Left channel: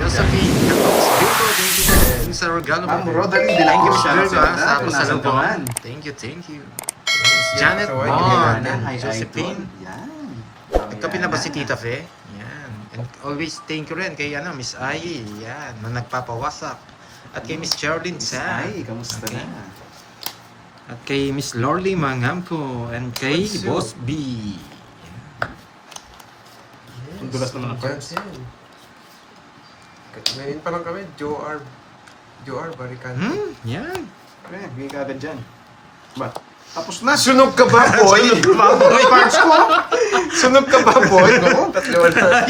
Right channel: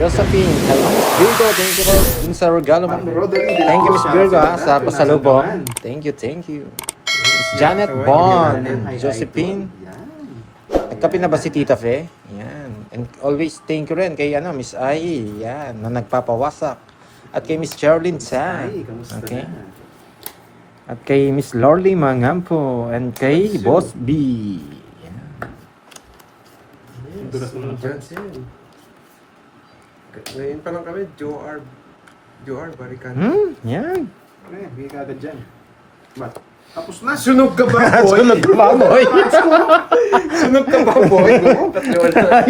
Josephine. Hello, Miss Virgo. Thank you po sa regalo mo. Ma'am Roderick de la Thank you, Miss Cruz, Virgo, sa sa Nasa pasalubong. Daman. Thank you, thank you. Miss Janet Bond. Josephine. Yan. Nagkape na ba si Tita Fe? Yan. And always thank you rin kay Miss Ai. Yan, na nagpapawasak. At kay Miss Charlene Sa. Ay, kamusta Okay. na? At kay Miss Lorly Mangampo. And kay Boss B. Ang dulas naman ang parts. Ngayon pa lang kami, Joar Barican. Yan. Pre, bigay ka agad dyan. Ba? Tapos na. Sunog ka ba, boy? Sunog ka ba, boy? Parts ko. Sunog ka ba, boy? Oo, tatlo na.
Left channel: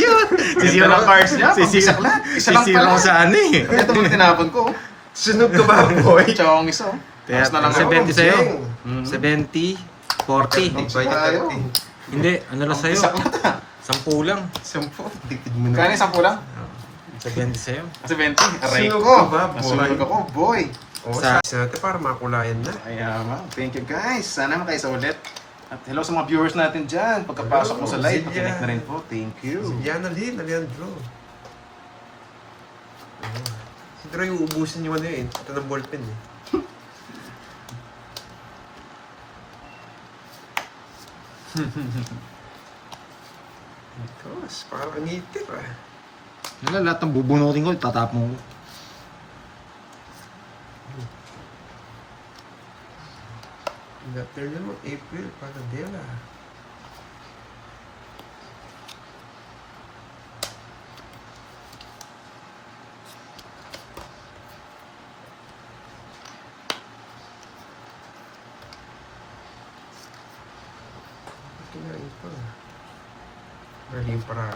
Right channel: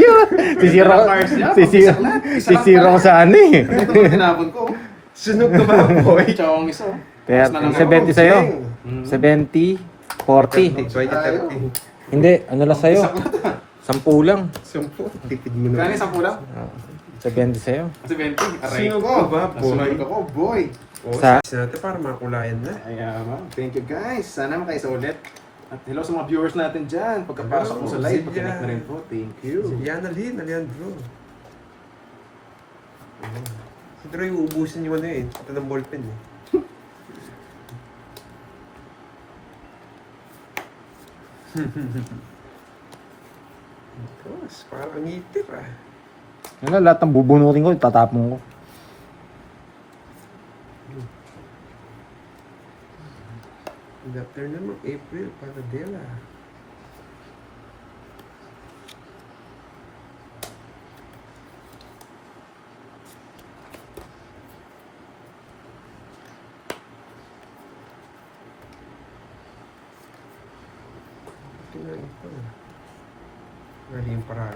Sisira Ganda ng cards niya, sisira pag-isa lang. Isa lang sisira pala. ko sa ani. Ito mo tinapon ko. Sunog ka ba, boy? Tsaka ang isa. Kaya Tapos na lang 70 sa'yo. Mm. 70, 40. Bay ka tayo. Hindi, ano lang sa'yo? Isa lang. 10 lang. Sampu. Tipid mo Kaya na. isang kulang? 70 sa'yo. Kasi 20. Aray Sunog ko. ka ba, boy? Nasunog ako, boy. Oo, Sa- sa natin para makulayan na. Kaya ma'am, thank you guys. Sana kayo sa ulit. At hello sa mga viewers natin dyan. Pagkapasok mo sa live, Silvia. pag-connect na rin po. Thank you. Si Diana Lynn, Alejandro. Siguro yung ubusin yung ano eh. Ito ng ballpen eh. Tapos, parang ngitip ah. Yan lang, lahat ng bubunutin ko, itatapon ko. Dating naman, April, Padadela. Ito na yun pala. Naging parang.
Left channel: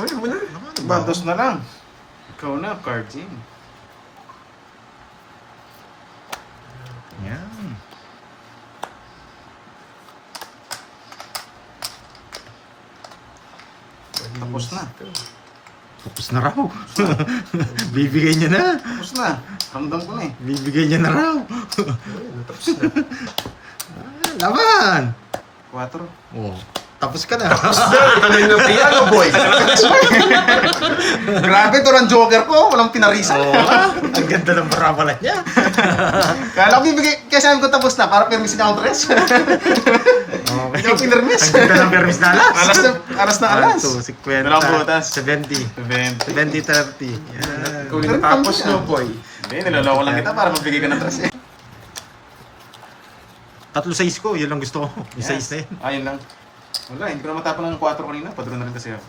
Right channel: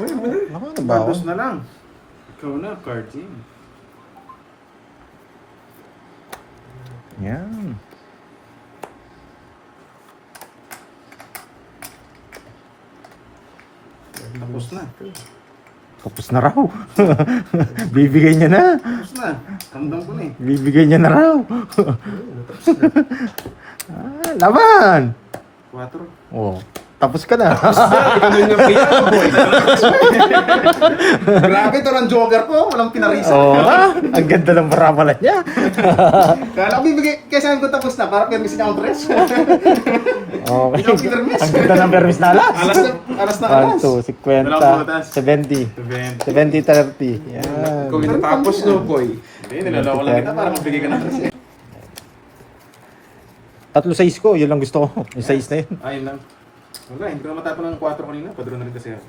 Ay, mo na. Ano ba ako? Bandos na lang. Ikaw na, card game. Yan. Tapos na. Tapos na raw. Bibigay niya na. Tapos na. Ramdam ko na eh. Bibigay niya na raw. Natapos na. Laban! 4. Oh, tapos ka na. Ano yung napiyan mo, boy? Grabe to ang joker ko. Walang pinarisa. Oh, ang ganda ng parabola niya. Kala ko bibigay, kaya sabi ko tapos na. Para permisin ako ang dress. Okay. Ikaw pinarmis. Ang ganda ng permis na alas. Alas na alas. 1, 2, 50, Dalawang butas. 70. 20. 70, 30. Yan. Ikaw yung natapos no, boy. Hindi, niloloko lang kita para mabigay ka ng dress eh. Tatlo size ko, yun lang gusto ko. Yung size na yun. Ayun lang. Wala, hindi ko na matapon ng 4 kanina. Padro na rin kasi ako.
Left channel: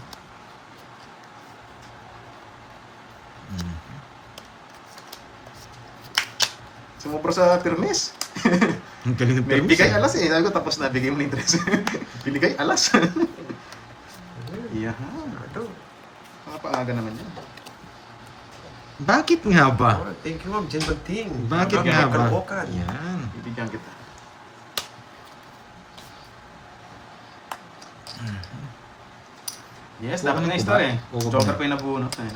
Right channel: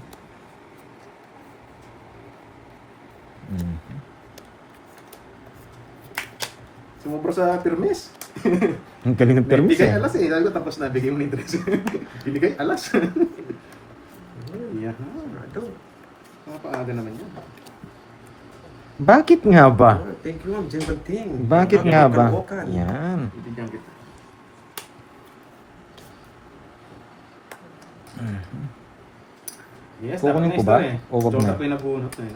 Sumubra sa permis. Ang galing ng May permis bigay eh. alas eh. Sabi ko tapos na, bigay mo na yung dress. Binigay alas. Yeah. Napaaga naman yun. Bakit nga ba? Thank you, ma'am. Jen Banting. Bakit nga ba? Kaloocan. Yan. Bibigyan kita. Yes, dapat Kukunin na ko ba? store eh. O wag Joker na? ko yung nabunot eh.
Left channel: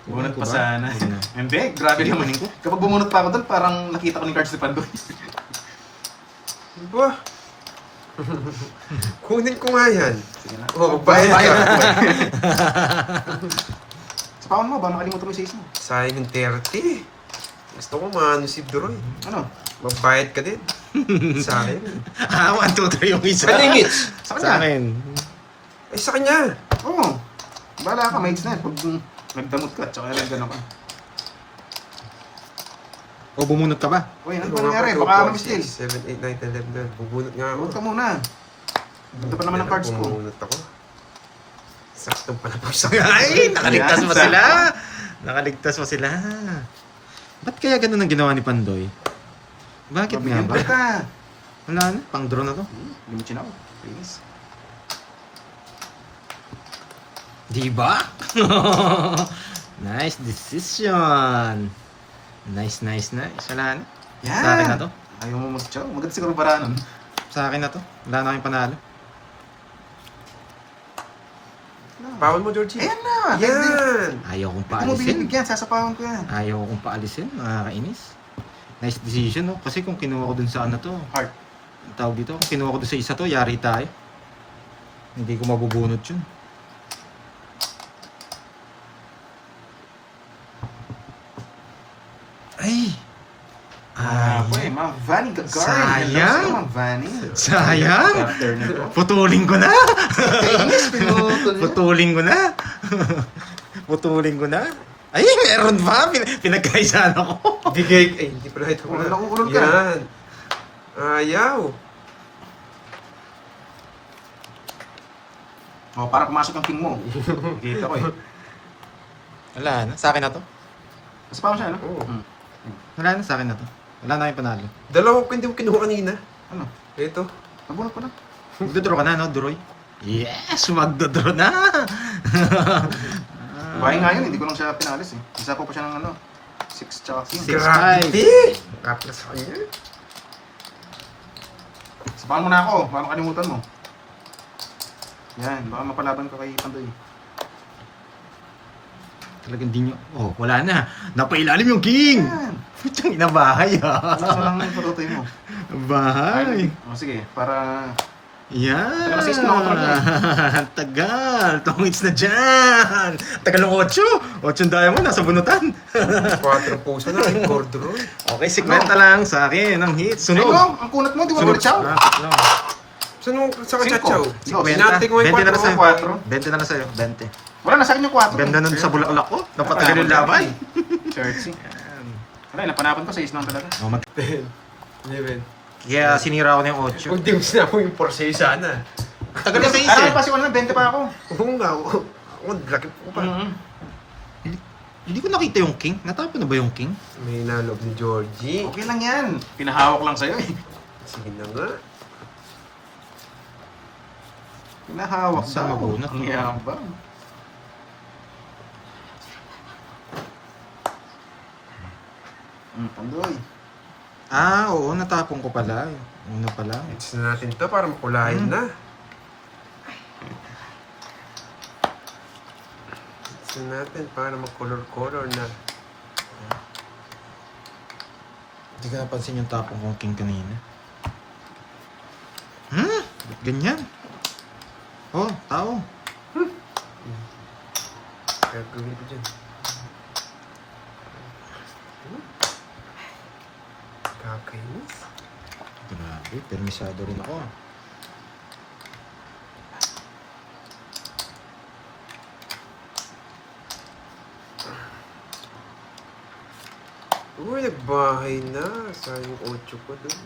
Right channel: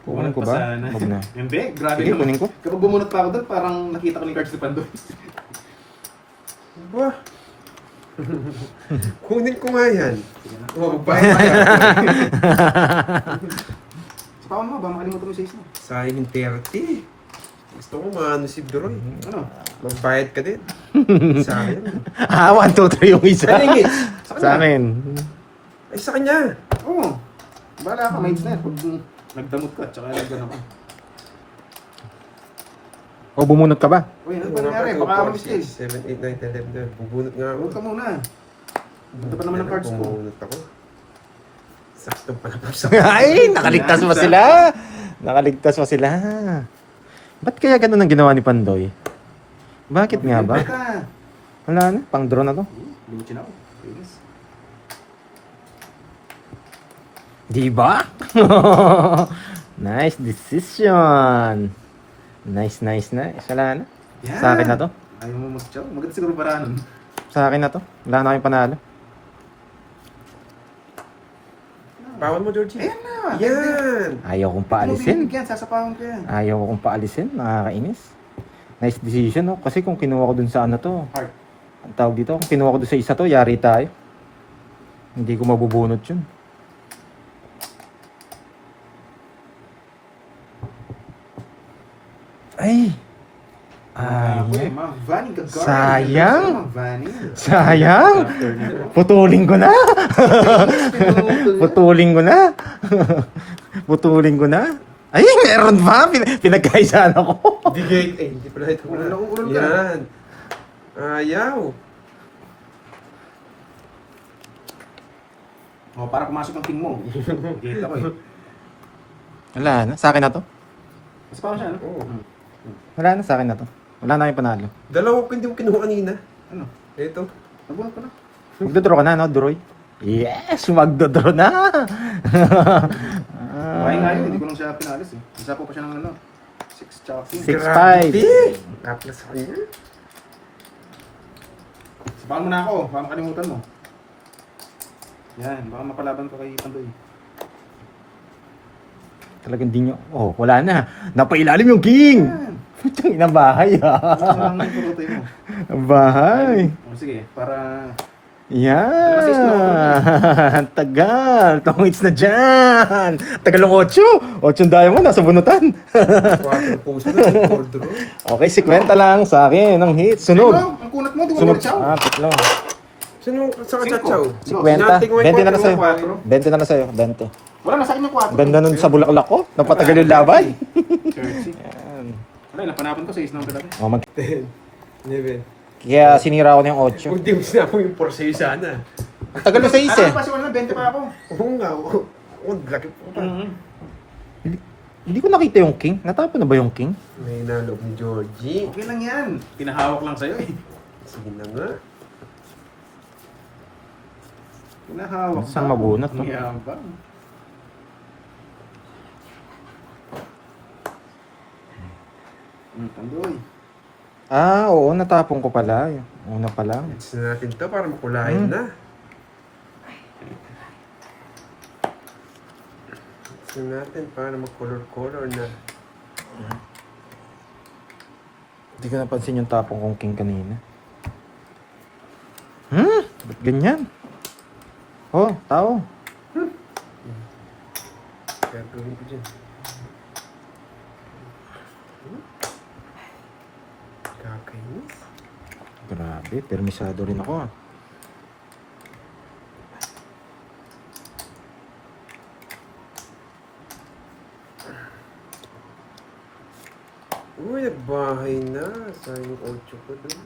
Kukunin Bumunot ko pa ba? sana. Wag na. Hindi, grabe Sige, naman. kunin ko. Kapag bumunot pa ako doon, parang nakita ko ni cards ni Pandoy. Ba? Kunin ko nga yan. Oh, Bayad bayad ka. ka. Sa pa mo, ba nakalimutan ko yung season? Sayang yung 30. Gusto ko maano si Droy. Ano? Magbayad ka din. Sa akin. Ah, 1, 2, 3 yung isa. Kanya yung hits. Sa Sa kanya? akin. Ay, sa kanya. Oo. Bahala ka, mates na. Pag nagdamot ka, tsaka nagdamot ka. O bumunot ka ba? Uy, ano ba nangyari? Baka mabistil. 7, 8, 9, 10, 11, 12. Bubunot nga ako. Huwag ka muna. Ganda pa naman ang cards ko. Bubunot ako. Sakto pala po sa Ay, nakaligtas pa sila. Nakaligtas pa sila. Ba't kaya ganun ang ginawa ni Pandoy? Bakit nga Mabigyan ba? kita. Wala na, pang draw na to. Lumichin ako. Please. Di ba? Nice decision. Nice. Wala na. Yan. Sa akin na to. Ayaw mo mag-chow. Maganda siguro paraan. Sa akin na to. Wala na kayong panalo. Pawon mo, Georgie. Ayan na! Yan! Ayaw kong Hindi mo paalisin. binibigyan, sasapawan ko yan. Ayaw kong paalisin. Nakakainis. Nice decision, no? Kasi kung kinuha ko dun sa ano to, Heart. ang tawag dito, kung kinuha ko dun sa isa to, yari tayo. Hindi ko mabubunot yun. Ay! Ako eh, Ay! mga Vanny Gagarin. Sayang. Hello sa'yo, mga Vanny. Sayang! After nito. Putulin ko na! Kainis, pinutol yan. Putulin ko na! Putulin ko na! Ay, meron ba? Pinagkaisaan ako. Bigay. Ay, hindi pala ito. Ulol ako, ulol ka. Yan. Ayaw. Oh, para pumasok yung king mo. Dito ko eh. Wala na, sa akin na to. Sasapawan siya, no? Oo. Wala na, sa akin na to. Wala na yung panalo. Dalawa ko hindi ko kinuha kanina. Ano? Ito. Nabunot ko na. Magdodraw ka na, no, Droy? Yes! Magdodraw na! Buhay nga yun, hindi ko lang siya pinalis eh. Isa po pa siya ng ano. 6 tsaka king. 6-5. Kaplas sa kanya. Sapawan mo na ako, baka makalimutan mo. Yan, baka mapalaban ko kay Pandoy. Talagang di nyo... Oh, wala na. Napailalim yung king! Yan! Putang ina bahay, Ano ah. lang yung patutoy mo? Bahay. O sige, para... Yan. Kasi is na ako Tagal. 2 hits na dyan. Tagal ng 8. 8 diamond, nasa bunutan. 4 puso na. Cordro. Okay, 50 lang sa akin ang hit. Sunod. Ano? Ang kunat mo, di ba Sunod. ulit siya? Tatlo. Saan mo sa kachachaw? 50. Sinating mo yung 20 na lang kwatro. sa'yo. 20 na lang sa'yo. 20. Wala na sa akin yung 4. Ganda nun sa bulaklak ko. Napatagal yung laban. Churchy. Yan. Wala, napanapan ko sa isnang talaga. Oh, 10. 11. Kaya sinira ko na yung 8. Kung di mo sinabi yung porse sana. Ang tagal na sa isa eh. Kasi wala, 20 pa ako. Oo nga. Oo, laki po pa. Hindi ko nakita yung king. Natapon na ba yung king? May nalog ni Georgie. Okay lang yan. Pinahawak lang sa'yo eh. Sige na nga. Pinahawak Saan mabunot, no? Ang yabang. Pandoy. Ah, oo. Natapon ko pala. Yung una pala. It's na natin to para makulayan na. It's na natin para makolor-color na. Hindi ko napansin yung tapong kong king kanina. Ba't ganyan? Oh, tao. Gagawin ko dyan. Kakainis. Grabe, permisado rin ako ah. Uy, nagbahay na. Sayang 8 ko doon.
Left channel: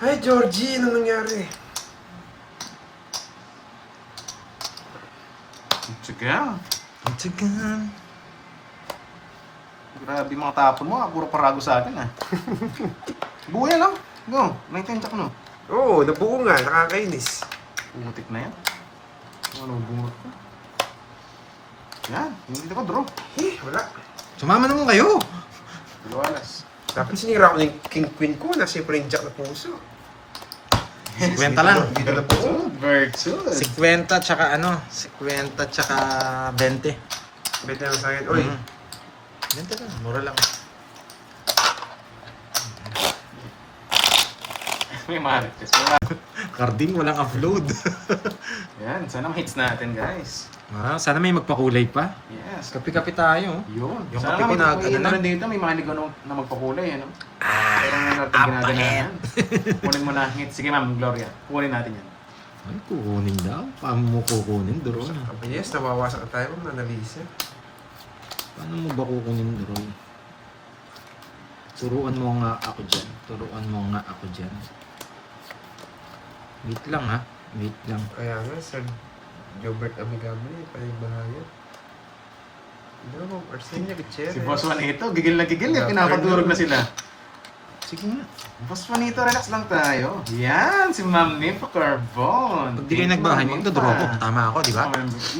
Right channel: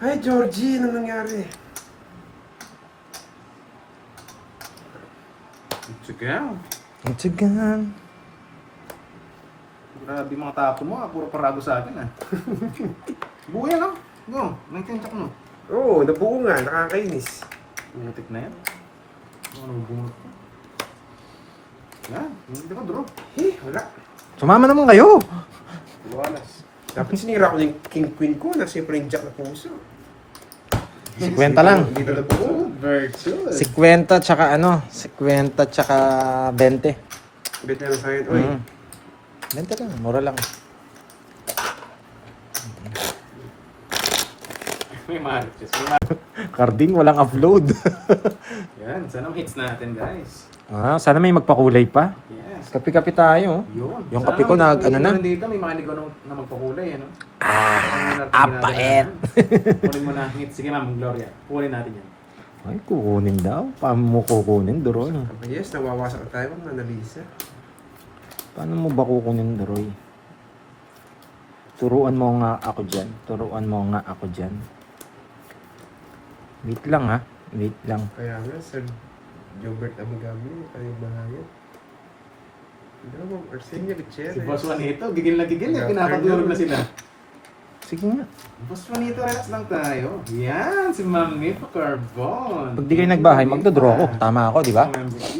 Hi, Georgie! Ano nangyari? Sige yan. Ang tigan. Grabe mga tapon mo. Puro parago sa akin ah. Buhay lang. No, may tentak no. Oo, nabuo nga. Nakakainis. Umutik na yan. Ano, bumurot na. Yan, hindi ko draw. Wala. Sumama naman kayo. Dalawalas. Tapos sinira ko yung king queen ko na siyempre yung jack na puso. 50 lang. Dito na puso. Virtual. 50 tsaka ano? 50 tsaka 20. Bit lang sa akin. Uy, 20 lang, mura lang. May marites. Carding, walang upload. Yan, sana hits natin guys. Sana may magpakulay pa. Yes. Kapi-kapi tayo. Yun. Yung Sana kape ko may- nag- may ano na? rin dito, may mga ligaw na magpakulay, ano? Apait. Kunin mo na hits. Sige ma'am, Gloria. Kunin natin yan. Ay, kukunin daw. Paano mo kukunin, Doroy? yes, nawawasak na tayo ng analisa. Paano mo ba kukunin, Doroy? Turuan mo nga ako dyan. Turuan mo nga ako dyan. Wait lang ha. Wait lang. Kaya nga, Sir Jobert Amigami, kayo bahayo. Diba, Arsenio Gutierrez. Si Boss Juanito, gigil na gigil. Pinapadurog na sila. Sige nga. Boss Juanito, relax lang tayo. Yan, si Ma'am Nipo Carbon. Pag di kayo nagbahay, magdodraw ako. Tama ako, di ba?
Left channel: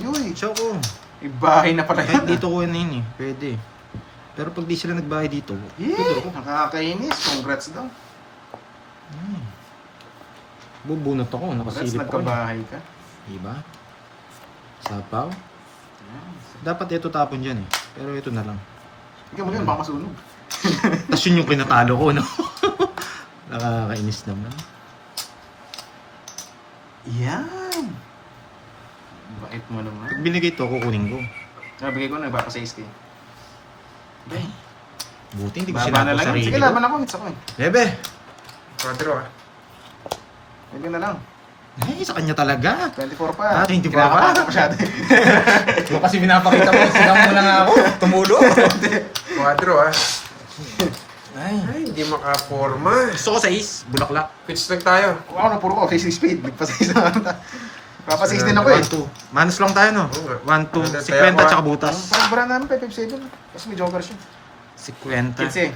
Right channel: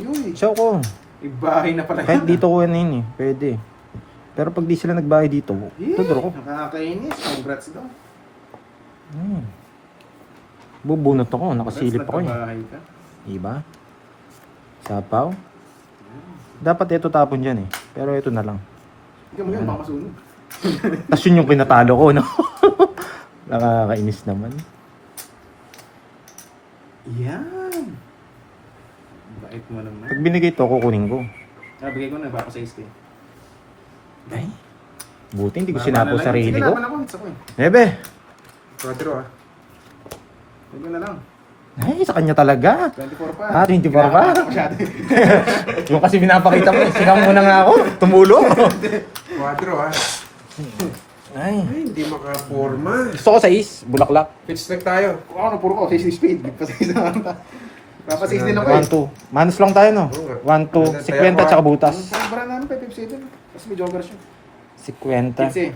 Uy, So kung, ibahay na pala kahit yan. dito ko yun eh. Pwede. Pero pag di sila nagbahay dito, dodraw ko. Nakakainis. Congrats daw. Bubunot ako, Congrats, nakasilip ako. nagkabahay ka. Diba? Sapaw. Dapat ito tapon dyan eh. Pero ito na lang. Ikaw mo yun, baka masunog. Tapos yun yung pinatalo ko, no? Nakakainis naman. Yan. Bait mo naman. Pag binigay ito, kukunin ko. Nabigay ko na, baka sa iske. Buti hindi ko Baba sinapo na lang. sarili Sige, ko. laban ako. Hits ako eh. Bebe! 4 ah. Hindi na lang. Ay, sa kanya talaga. 24 pa. Ah, 24 pa? Kinakabahan ako masyado eh. Yung kasi pinapakita ko, sigang mo lang ako. Tumulong. 4 ah. Ay. Ay, hindi makaporma. Gusto ko sa is, bulaklak. Pitch lang tayo. Wow, puro ko. Face speed. Pasig na kanta. Papa 16 ako eh. 1, 2. Manus lang tayo, no? 1, 2, 50 tsaka butas. Ang brand namin 557. Kasi may joker siya. 50. 15,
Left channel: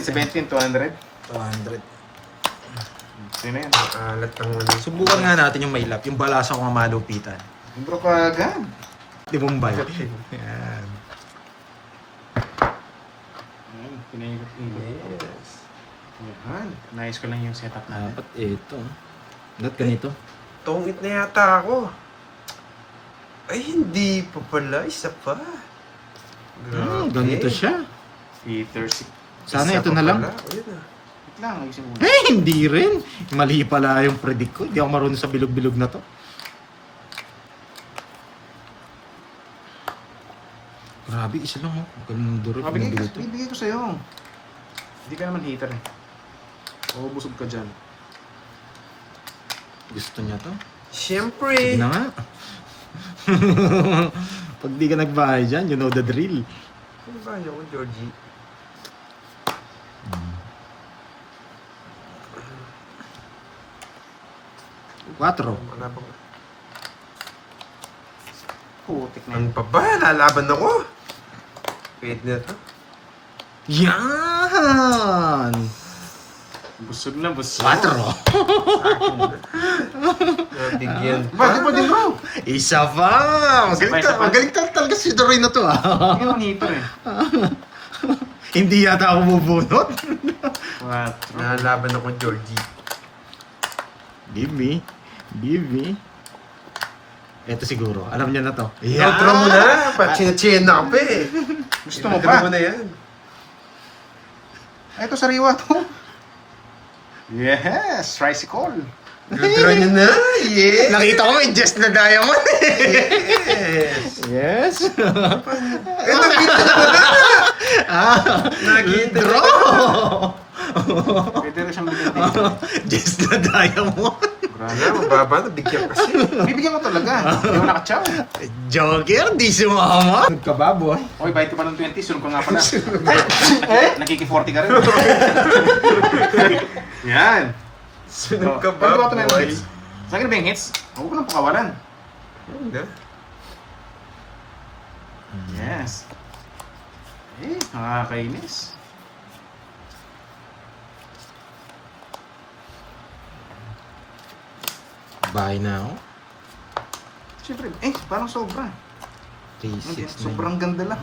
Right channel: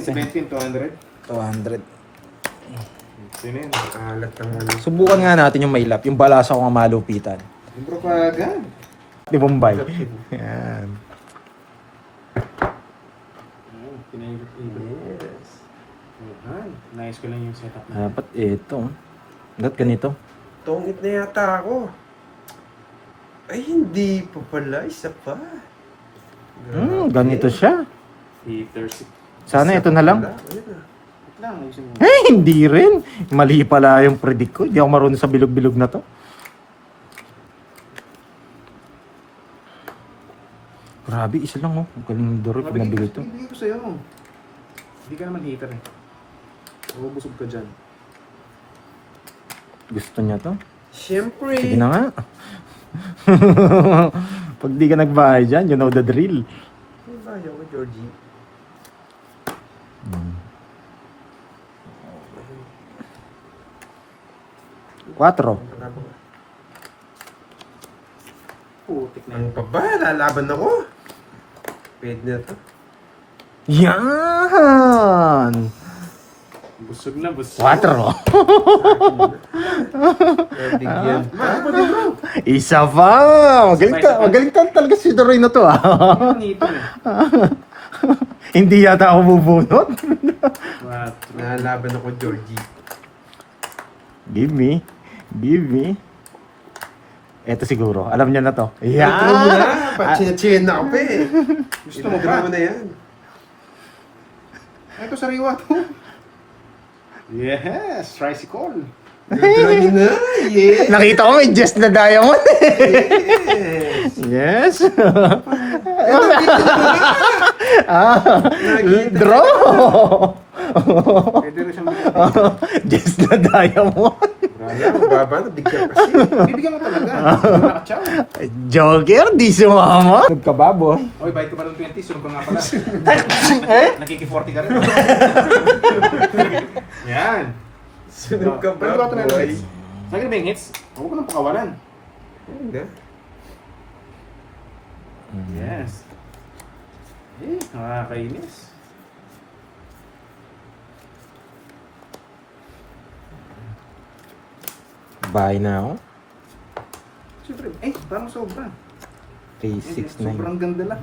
16, 17, 200. 200. Sino yun? Alat lang wala. Subukan nga natin yung mailap, yung balasa ko nga malupitan. Bro ka agad. Di Bombay. Ayan. Ayun, pinaikot-ikot. Yes. Ay, nice ko lang yung setup natin. Dapat ito. Dapat ganito. Tungit na yata ako. Ay, hindi pa pala. Isa pa. Ganito siya. Peter, si... Sana ito na lang. Ayun ah. Wait lang, ayusin mo. Eh, hindi rin. Mali pala yung predict ko. Hindi ako marunong sa bilog-bilog na to. Grabe, isa lang oh. Galing durot na bilog to. Bibigay ko sa'yo. Hindi ka naman hater eh. Mabubusog ka dyan. Gusto niya to. Siyempre. Sige na nga. Pag di ka nagbahay dyan, you know the drill. Ano ba yun ko, Georgie? Quatro. Wala ba? Putik na Ano yun. pa ba? Lalaban ako. Pwede na to. Yan! Busog lang, busog. Quatro. Nabigyan pa. Bakit pa din bro? Isa pa! Magaling, Isa pa. magaling talaga si Doray na to ah. Hindi ako hater eh. Hindi yata ako bubunot. Quatro. Lalaban ako, Georgie. Give me. Give me. Eto siguro. Alam niya na to. Outro mo na. Pachina-china na ako pa eh. Gusto mo Outro pa? mo na yan. Ito, sariwa to. Yes! Tricycle. Outro nyo na. Yeah. Nakita ko may just na diamond. Yes. Yes. Draw. Pwede rin siyang bigyan. Just na diamond. Wala, mababa na. Bigyan kasi. Bibigyan mo talaga. Hindi ako nakachaw. Joker, di sumama. Nagkababoy. Okay, bayad ka pa ng 20. Sunod ka nga pala. Nakiki-40 ka rin. Yan. Sunog ka Pwede ba, ba ito may boy? hits? Sa akin ba yung hits? Huwag ko nang pakawalan. Hindi. Yes. Eh, nakakainis. Bahay na ako. Siyempre, parang sobra. 3, 6, 9. Sobrang ganda lang.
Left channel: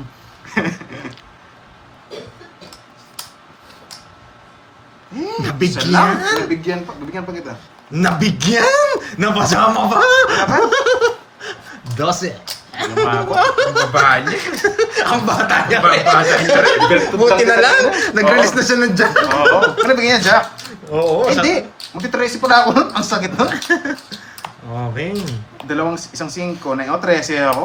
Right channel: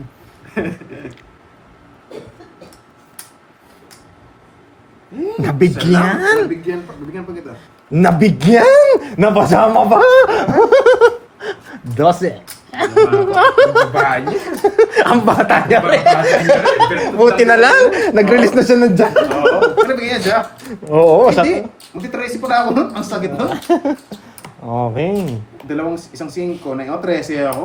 Nabigyan? Nabigyan pa kita. Nabigyan! Napasama pa! 12. Ang baba niya. Ang bata niya. Ang baba niya rin. Buti na lang. Nag-release na siya ng jack. Oo. Ano bigyan niya, Jack? Oo. Hindi. Magti-tracy pala ako nun. Ang sakit nun. Okay. Isang 5 na yung 13 ako.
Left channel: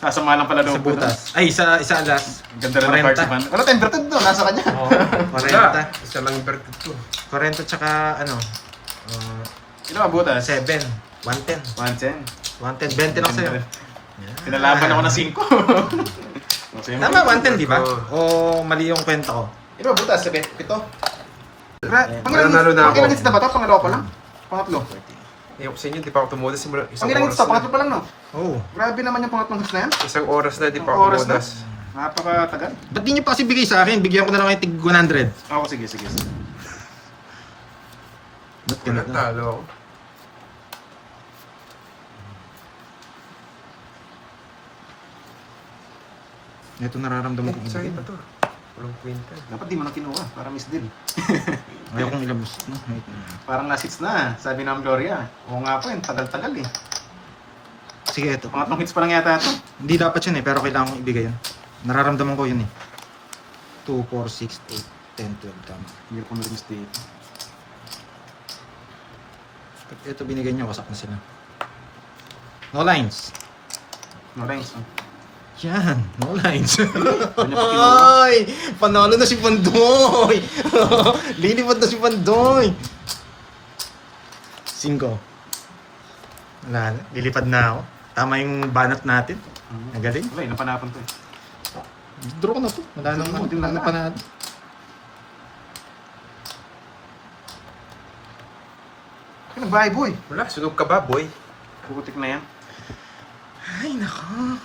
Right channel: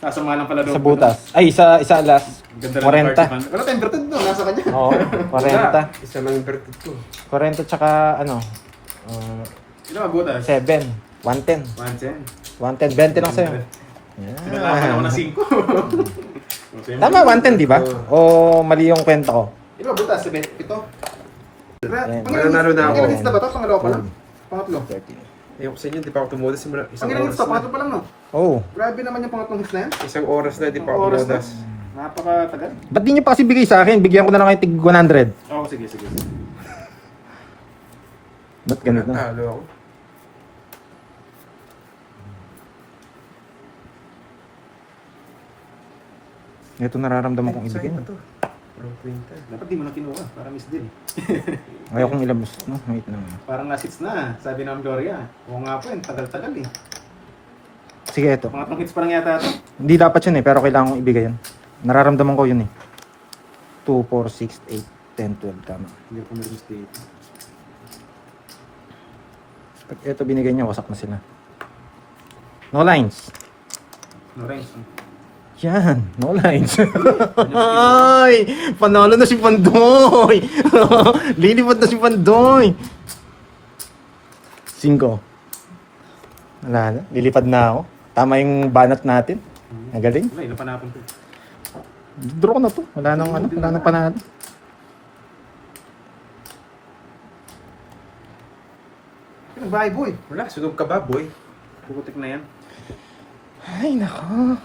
Nasama lang pala doon. Sa butas. Ay, isa alas. Ganda lang ng parts 40. man. Wala tayong inverted doon. Nasa kanya. Oo. 40. Isa lang yung verted ko. 40 tsaka ano. Ino ang butas? 7. 110. 110. 110. 20 lang sa'yo. Pinalaman ako ng 5. Tama, 110 di ba? O mali yung kwento ko? Ino ang butas? 7. Ito. Mananalo na ako. Pangilang hits na ba ito? Pangalawa pa lang? Pangatlo. Yung sa inyo, di pa ako tumudas. Simula isang Pangilang hits oras na? Pangatlo pa lang no? Oo. Grabe naman yung pangatlong hits na yan. Isang oras na, di pa ako Oras na. tumudas. Napakatagal. Ba't di niyo pa kasi bigay sa akin? Bigyan ko na lang kayo tig 100. Oo, sige. Ba't ganito? Talo ako. Ito nararamdaman kong Sa'yo ibigin. ba to? Walang kwenta. Dapat di mo na kinuha. Para miss deal. Ayaw kong ilabas. No, wait na. Parang last hits na. Sabi ng Gloria. Oo nga po, tagal-tagal eh. Sige, ito. Pangatlong hits pa lang yata ito. Hindi dapat yun eh, pero kailangan kong ibigay yan. Nararamdaman ko yun eh. 2, 4, 6, 8, 10, 12. Tama. Hindi ko na-miss dito. Pag ito binigay niyo, wasak na sila. No lines. No ranks. Yan, no lines. Ano ba kinuha? Ay, panalo na si Pandoy. Lilipat na si Pandoy. 5. Wala na, lilipad na ako. Tama yung banat natin. Nagaling. Wala, inapanapon to eh. Draw ko na to. Wala na panalo. Ano ba, boy? Wala, sunog ka ba, boy? Bukutik na yan. Ay, nako.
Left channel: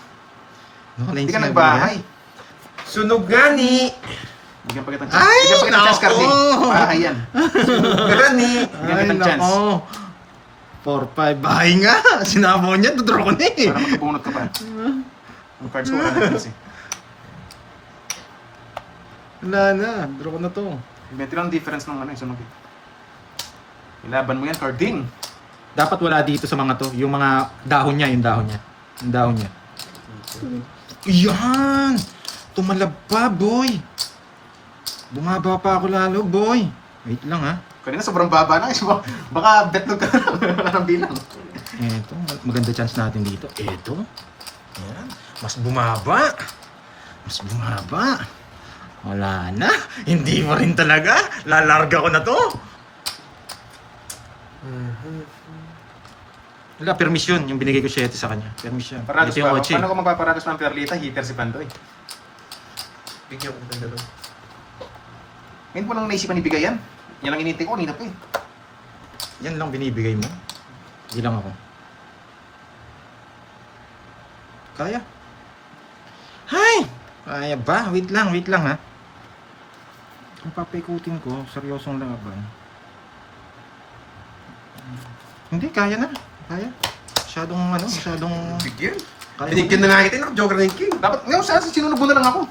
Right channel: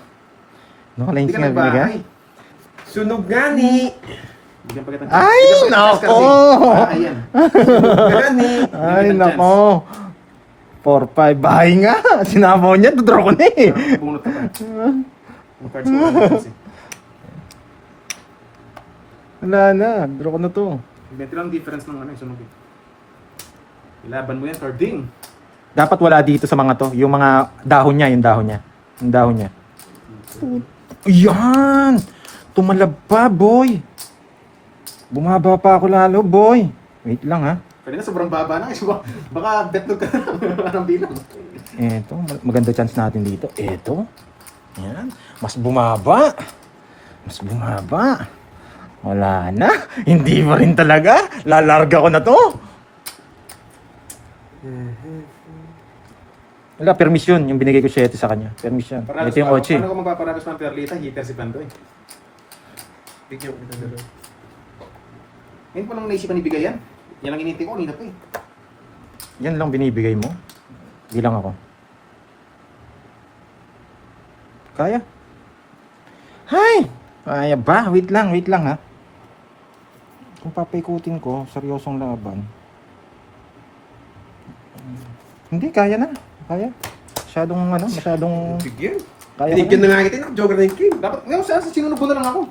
No lines Hindi ka na nagbahay. binigay. Sunog nga ni! Bigyan pa kitang Ay, bigyan pa kitang chance, nako! Cardi. Bahay yan. Sunog nga ni! Bigyan Ay, kitang chance. nako. 4, 5. Bahay nga. Sinabaw niya. Tudraw ko na eh. Parang nakabunot ka pa. Yung cards mo wala na chance eh. Wala na. Draw ko na to. Medyo lang difference ng ano yung sunog eh. Ilaban mo yan, Cardin. Dapat wala dito sa mga to. Yung mga dahon niya. Yung dahon niya. Yung dahon niya. Yan! Tumalab pa, boy. Bumaba pa ako lalo, boy. Wait lang, ha. Kanina sobrang baba na. Baka betlog ka na ng bilang. Eto, maganda chance natin dito. Eto. Yan. Mas bumaba. Mas bumaba. Wala na. Hindi pa rin talaga. Lalarga ko na to. Wala, permission. Yung binigay ko 7 sa kanya. Permission. Parados Ito yung pa. Ochi. Paano kung magpaparados ng Perlita, hitter si Pandoy. Bigyan ko ng dalawa. Ngayon po nang naisipan ibigay yan. Yan ang initin ko, kanina po eh. Yan lang binibigay mo. Hindi lang ako. Kaya? Hay! Kaya ba? Wait lang ha. Kung papaikutin ko, seryosong laban. Hindi, kaya na. Kaya. Masyadong Bigyan. kaya. Binigyan na nga kita, naka-jogger na yung king. Dapat, ngayon saan sinunog mo na lang ako.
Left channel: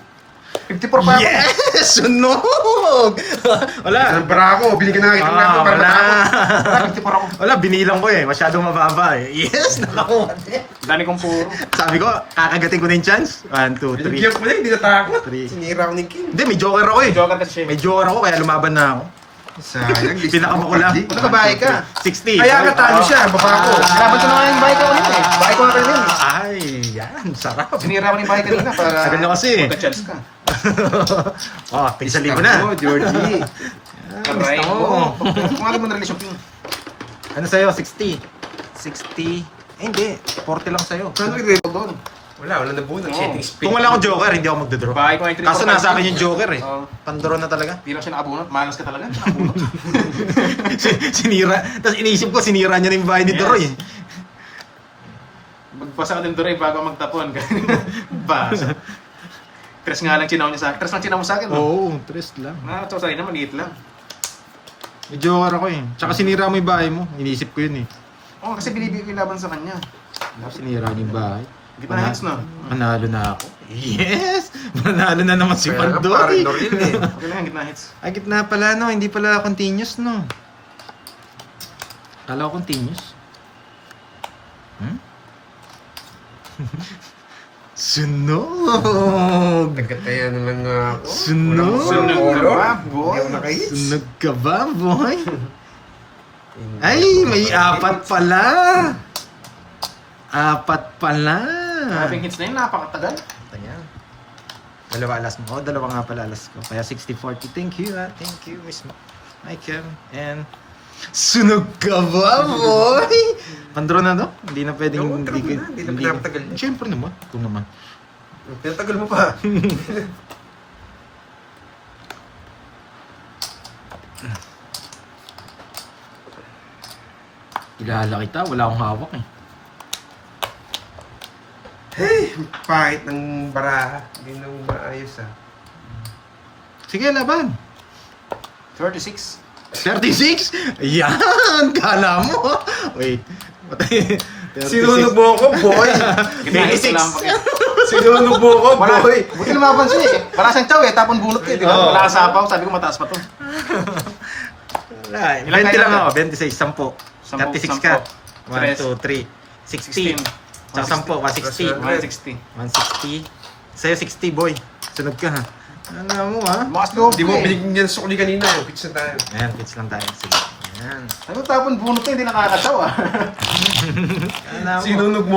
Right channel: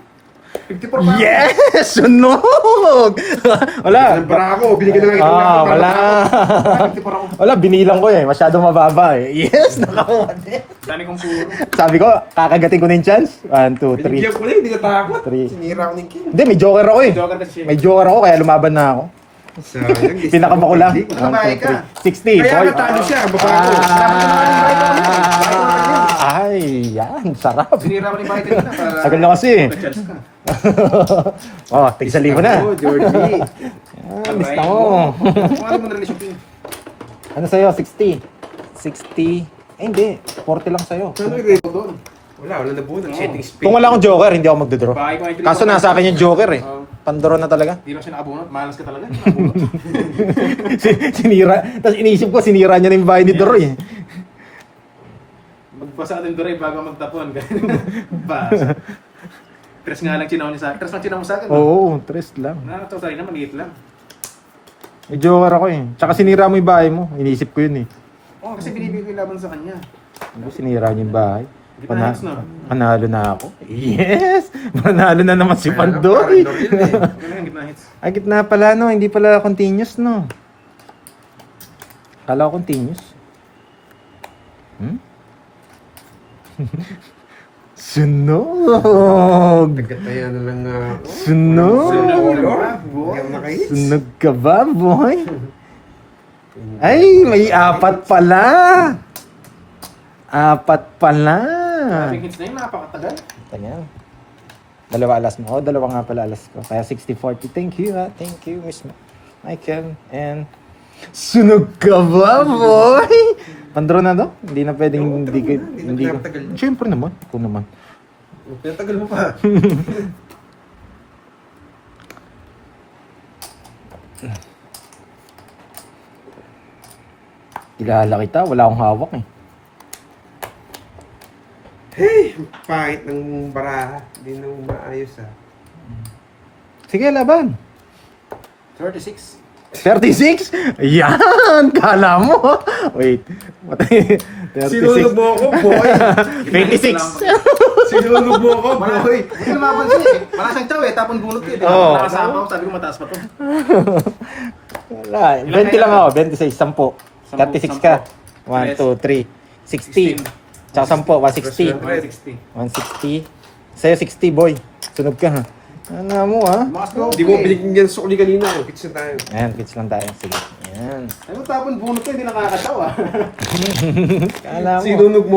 54 pa. Yes! Sunog! Wala. Ang bravo, binigyan na nga kita. Wala. 54 ako. Wala, binilang ko eh. Masyadong mababa eh. Yes! Nakakuha. Dani kong puro. Sabi ko, kakagatin ko na yung chance. 1, 2, 3. Binigyan ko na, hindi natakot. Three. Sinira ko ng king. Hindi, may joker ako eh. Joker kasi siya. May joker ako, kaya lumaban na ako. Sayang, Pinakamakulang. Nakabahay ka. 60. Kaya nga talo siya, baba ko. Kaya ko na nga yung bahay ka ulit eh. Bahay ko na kanina eh. Ay, yan. Sarap. Sinira ko na yung bahay kanina para Tagal na kasi. magka-chance ka. Oh, tig 1,000 na. Ako, Georgie. Yan, gusto mo. Kung ano man relasyon king. Ano sa'yo? 60. 60. Eh, hindi. 40 lang sa'yo. Saan ko rin? Doon. Wala nabunan. Setting spin. Kung wala akong joker, hindi ako magdodraw. Bahay ko na yung Kaso nasa akin yung joker eh. Oo. Pandoro na talaga. Di lang siya nakabunot. Malas ka talaga. Nakabunot. Sinira. Tapos inisip ko, sinira niya na yung bahay ni Doroy eh. Magpasa ka din Doray bago magtapon. Basa. Tres nga lang chinaw niya sa akin. Tres lang chinaw mo sa akin. Oo, trust lang. Nakatawa sa'yo na, maliit lang. May joker ako eh. Tsaka sinira mo yung bahay mo. Inisip ko yun eh. Oo, kasi binibigay ko yung laban sa kanya. Ano, sinira niya yung bahay. Hindi pa na hits na. Panalo na ako. Yes! Panalo na naman si Meron Pandoy. pa rin, eh. Okay na yan, gitna hits. Ay, gitna pala no. Hindi pala continuous no. Kala ko continuous. Hmm? Sunog! Kaya na lang nga ako. Sunog! Sunog ka Sunog. ba, boy? Hindi ako naka-hits. Sunog ka ba, boy? Ay, may 4 pala. 4 pala. Maraming hits na yun, napakatagal. Ayan. 2 alas mo. Oh, 2 nga pala alas ko. Kaya 60-40. Thank you, ha. Thank you, Miss Michael. And sunog ka ba, boy? Pandro na, no? Hindi na pwedeng Oo, hindi true ka... na. Hindi na pinapatagal. Siyempre naman. Ikaw naman. Pinatagal mo pa. Kilala kita. Wala akong hawak, eh. Hey, pangit ng baraha. Hindi na maayos ah. Sige, laban. 36. 36? Yan! Kala mo! Wait. 36. Sinunog mo ako, boy! 26. Sinunog mo ako, Wala, boy! buti lumapansin eh. Parang siyang chow eh, tapon bunot eh. Di ba? Oo. Wala sa apaw, sabi ko mataas pa to. Wala. Ilan 20 kayo lang na? ako. 26, 10. 36 ka. 1, 2, 3. 60. Tsaka 10, 160. 160. 160. Sa'yo 60, boy. Sunod ka, ha? Ano mo, ha? Bukas to. Hindi mo binigyan sukli kanina. Fix na tayo. Ayan, pitch lang tayo. Sige. Ayan. Sabi ko tapon bunot to, hindi nakakatawa. Kala mo. Sinunog mo